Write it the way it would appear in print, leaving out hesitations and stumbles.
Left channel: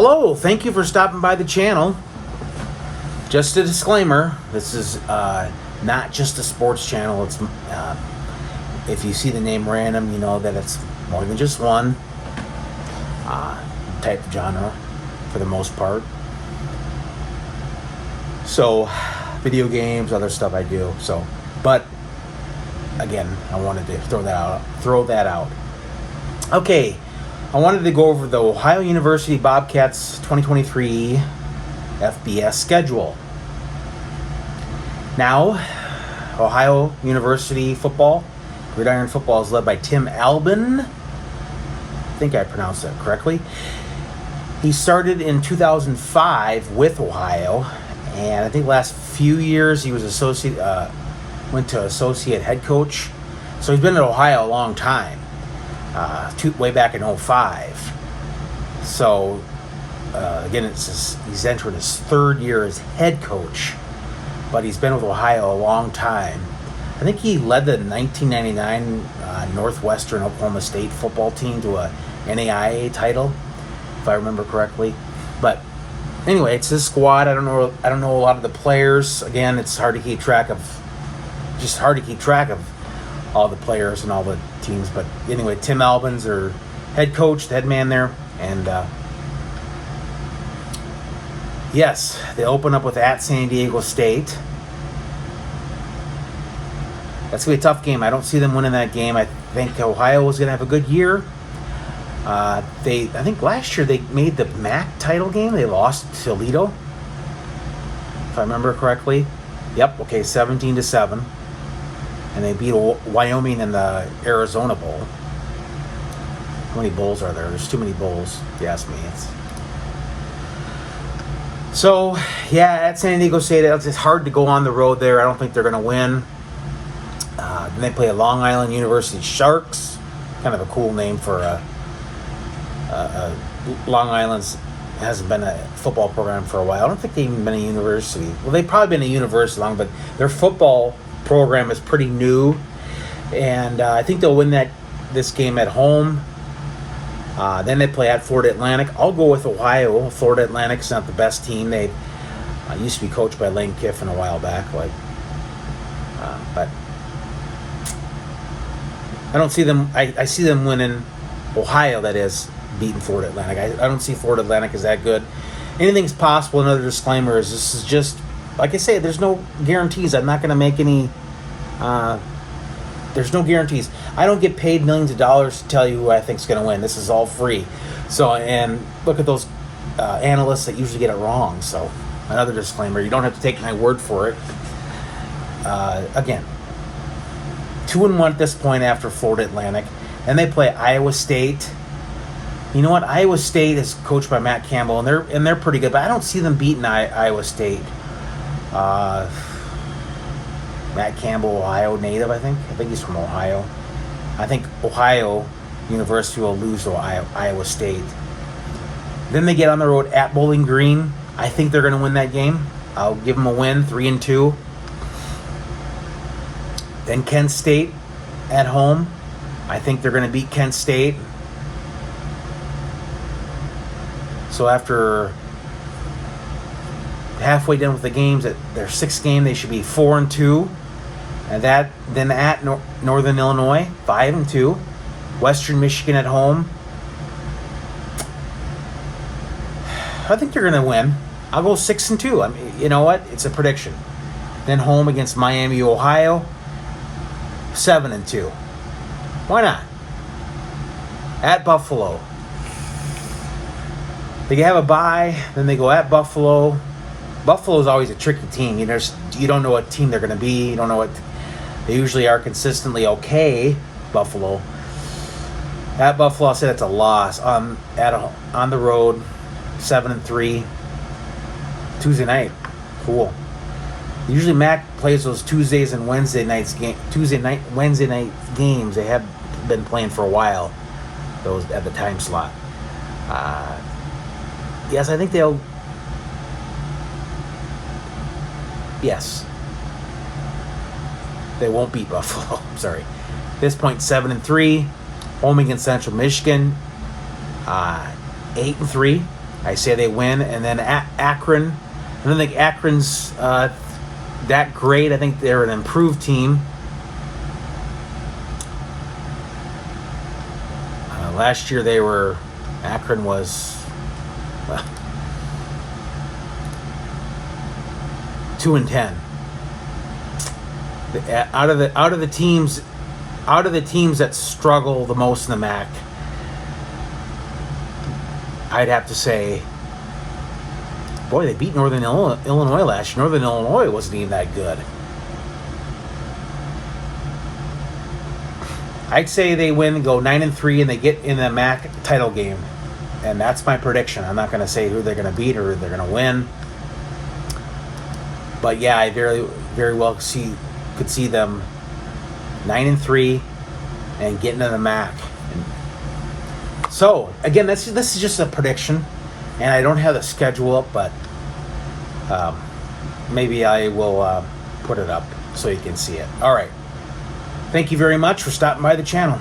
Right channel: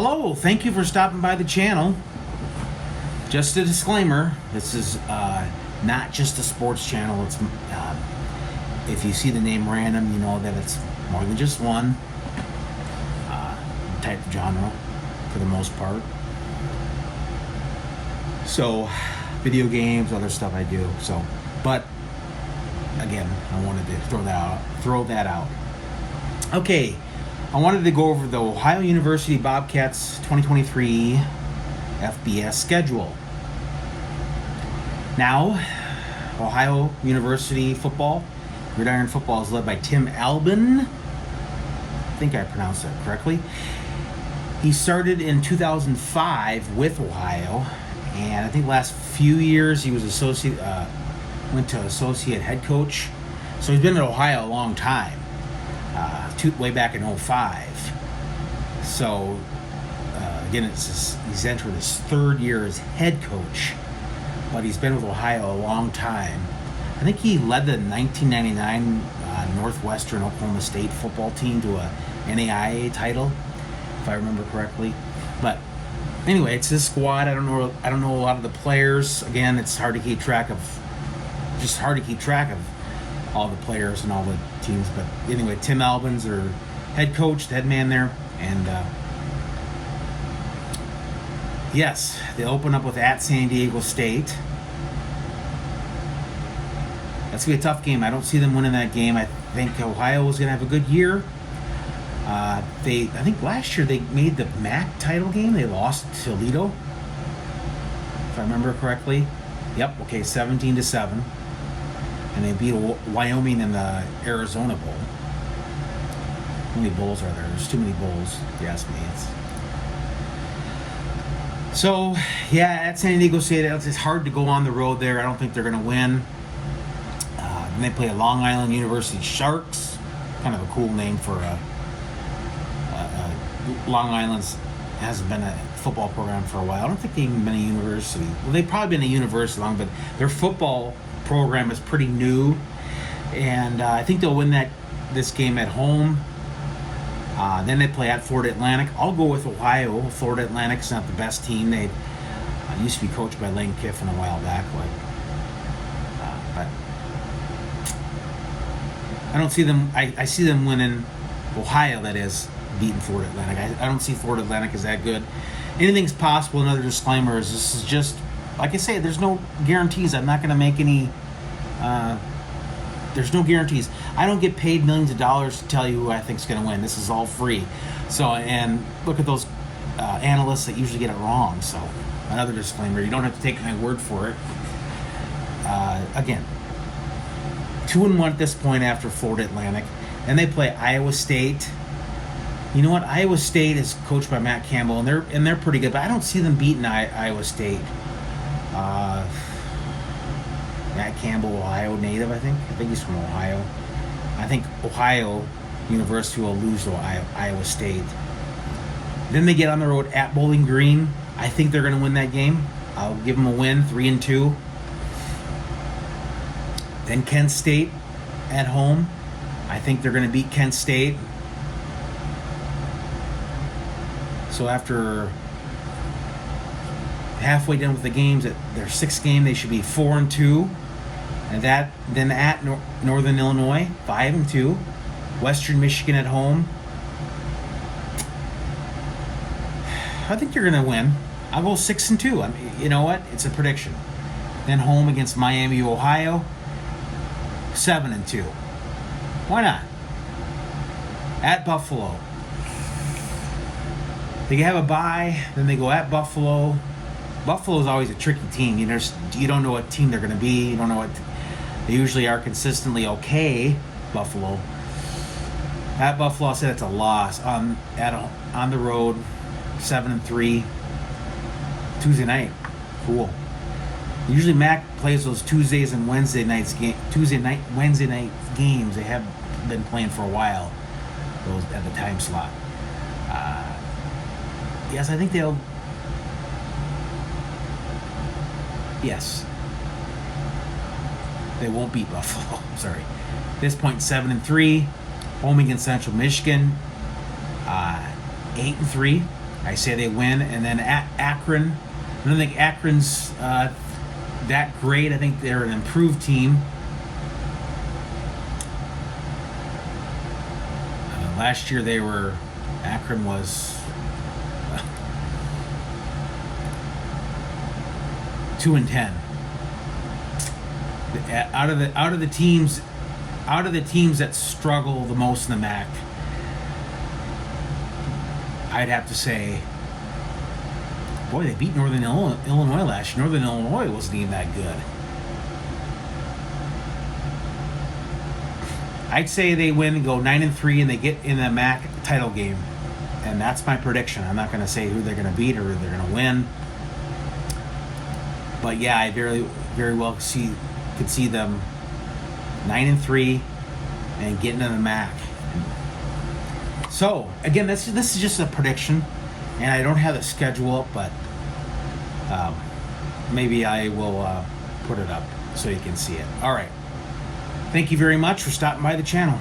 Hello, thank you for stopping by the channel. Just a disclaimer, this is not just a sports channel. It's if you see the name random, you know that it's more than just one type of genre for the most part. So, video games, other stuff I do. So, but again, I wanted to throw that out. Okay, I wanted to go over the Ohio University Bobcats 2023 FBS schedule. Now, Ohio University football, Gridiron football, is led by Tim Albin. I think I pronounced that correctly. He started in 2005 with Ohio, and I think last few years he was went to associate head coach. So he's been at Ohio a long time, way back in 2005. So again, he's entering his third year as head coach, but he's been with Ohio a long time. I think he led the 1999 Northwestern Oklahoma State football team to a NAIA title, if I remember correctly. But anyway, it's his squad. I don't know a lot of the players. Again, it's hard to keep track of all the players and all the teams. But anyway, Tim Albin's our head coach, the head man there, and yes, they open up with at San Diego State. That's going to be a tough game. I don't see them winning that game. I think Ohio is going to have a good year. I think last year they made the MAC title game. They lost to Toledo, if I remember correctly. Yep, okay, 17-7. And they beat Wyoming in the Arizona Bowl. How many bowls are there? There's too many bowls, if you ask me. So, yeah, at San Diego State, it's hard to go on the road there. I don't think they're going to win. Then they play Long Island University Sharks. Kind of a cool name for Long Island's hasn't been a football program for a while. I don't think they've even been a university. Well, they've probably been a university long, but their football program is pretty new. And I think they'll win this game at home. Then they play at Florida Atlantic. I'll go with Ohio. Florida Atlantic's not the best team. They used to be coached by Lane Kiffin a while back. But I don't see them. I see them winning. Ohio, that is, beating Florida Atlantic. I don't see Florida Atlantic as that good. Anything's possible. Another disclaimer is this is just, like I say, there's no guarantees. I'm not going to make any. There's no guarantees. I don't get paid millions of dollars to tell you who I think is going to win. This is all free. So, and look at those analysts that usually get it wrong. So, another disclaimer. You don't have to take my word for it. Again, 2-1 at this point after Florida Atlantic. Then they play Iowa State. You know what? Iowa State is coached by Matt Campbell, and they're pretty good. But I don't see them beating Iowa State. Matt Campbell, Ohio native, I think. I think he's from Ohio. I think Ohio University will lose to Iowa State. Then they get on the road at Bowling Green. I think they're going to win that game. I'll give them a win, 3-2. Then Kent State at home. I think they're going to beat Kent State. So after halfway done with the games, at their sixth game, they should be 4-2. And then at Northern Illinois, 5-2. Western Michigan at home. I think they're going to win. I'll go 6-2. I mean, you know what? It's a prediction. Then home against Miami, Ohio, 7-2. Why not? At Buffalo. They have a bye, then they go at Buffalo. Buffalo is always a tricky team. You don't know what team they're going to be. You don't know what they usually are. Consistently okay. Buffalo. At Buffalo, I said it's a loss. On the road, 7-3. Tuesday night, cool. Usually Mac plays those Tuesdays and Wednesday night games. They have been playing for a while. Those at the time slot. Yes, I think they'll. Yes. They won't beat Buffalo. Sorry. At this point, 7-3. Home against Central Michigan. 8-3. I say they win, and then Akron. I don't think Akron's that great. I think they're an improved team. Last year Akron was 2-10. Out of the teams that struggle the most in the MAC, I'd have to say, boy, they beat Northern Illinois last year. Northern Illinois wasn't even that good. I'd say they win and go 9-3, and they get in the MAC title game, and that's my prediction. I'm not going to say who they're going to beat or who they're going to win, but yeah, I very, very well could see them 9-3 and getting in the MAC. So again, this is just a prediction, and I don't have the schedule up, but maybe I will put it up so you can see it. All right. Thank you very much for stopping by the channel.